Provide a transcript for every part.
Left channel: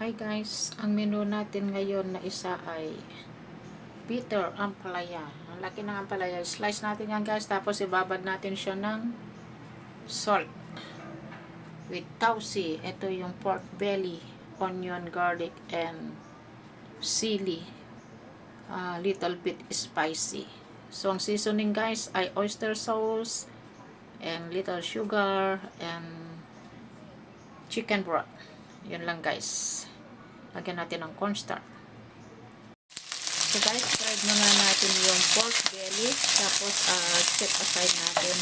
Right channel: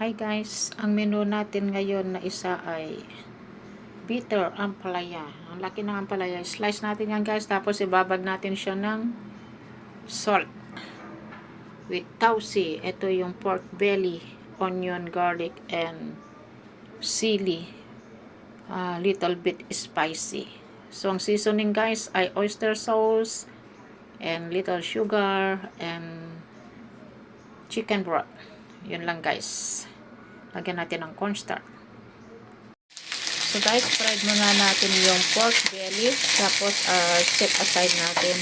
Hi guys, ang menu natin ngayon na isa ay bitter ampalaya. Ang laki ng ampalaya. Slice natin yan guys, tapos ibabad natin siya ng salt with tausi. Ito yung pork belly, onion, garlic, and sili. Little bit spicy. So ang seasoning guys ay oyster sauce and little sugar and chicken broth. Yun lang guys. Lagyan natin ng cornstarch. So guys, fried muna natin yung pork belly. Tapos set aside natin.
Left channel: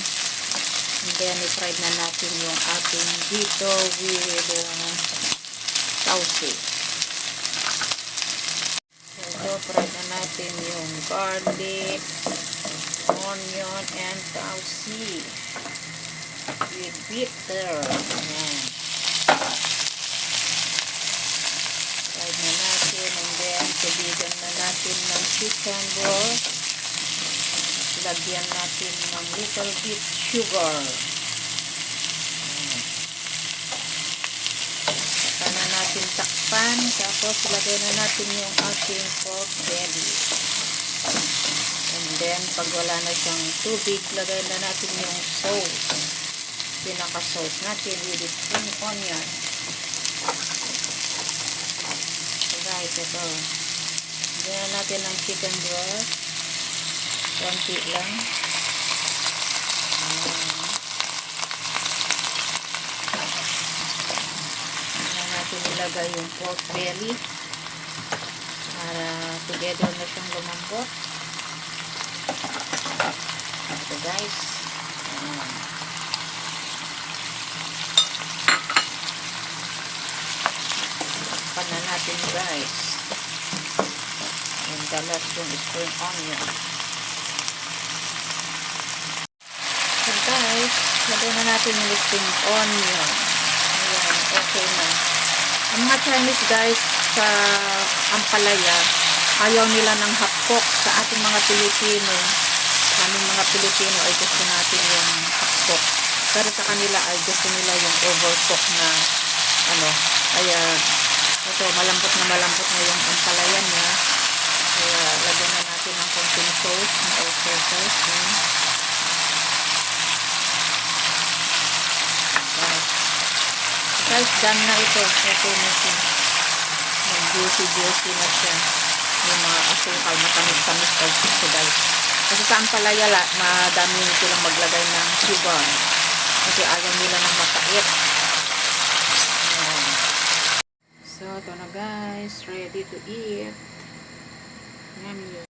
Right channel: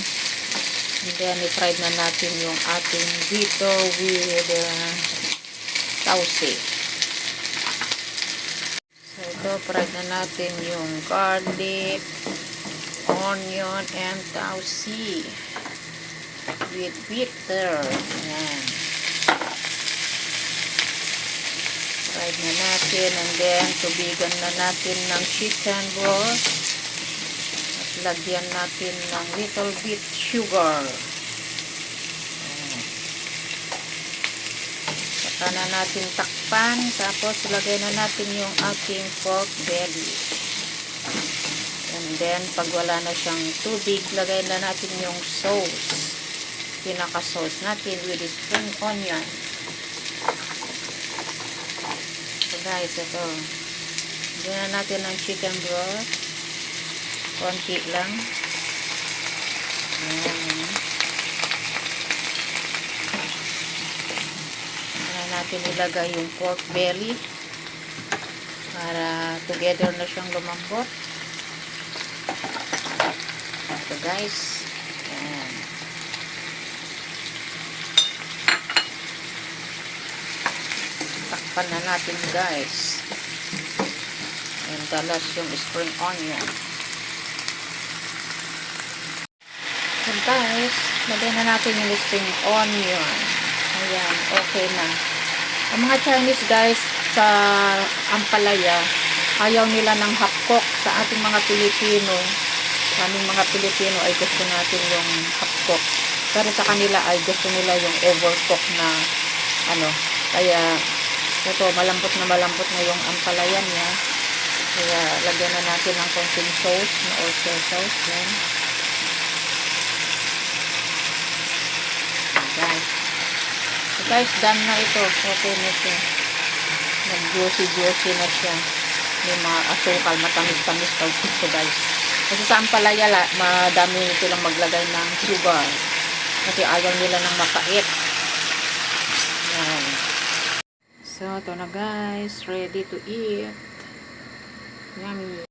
And then i-fried na natin yung ating dito with tausi. So ito, fried na natin yung garlic, onion, and tausi with bitter. Ayan. Fried na natin, and then tubigan na natin ng chicken broth at lagyan natin ng little bit sugar. Saka na natin takpan, tapos lagay na natin yung ating pork belly, and then pag wala na siyang tubig, lagay na natin yung sauce, pinaka sauce natin with spring onion. Guys, ito. Lagyan na natin ng chicken broth. Konti lang. Ayan. Ayan natin ilagay yung pork belly para together na siyang lumambot. Ito guys. Ayan. Takpan na natin guys. And dalas yung spring onion. So guys, lagay na natin yung spring onion. Ayan, okay na. Ang mga Chinese guys sa ampalaya, ayaw nila ng half-cook. Sa ating mga Pilipino, aming mga Pilipino ay gusto natin yung half-cook. Pero sa kanila ay gusto nila yung overcook na kaya ito, malambot na yung ampalaya niya. Kaya, lagyan na natin ng konting sauce, na oyster sauce. Yan. Guys. So guys, done na ito. Okay na siya. Nag-juicy na siya. May mga asukal, matamis-tamis ito guys. Kasi sa ampalaya, madami silang maglagay ng sugar. Kasi ayaw nila ng mapait. Yan. So, ito na guys. Ready to eat. Yummy.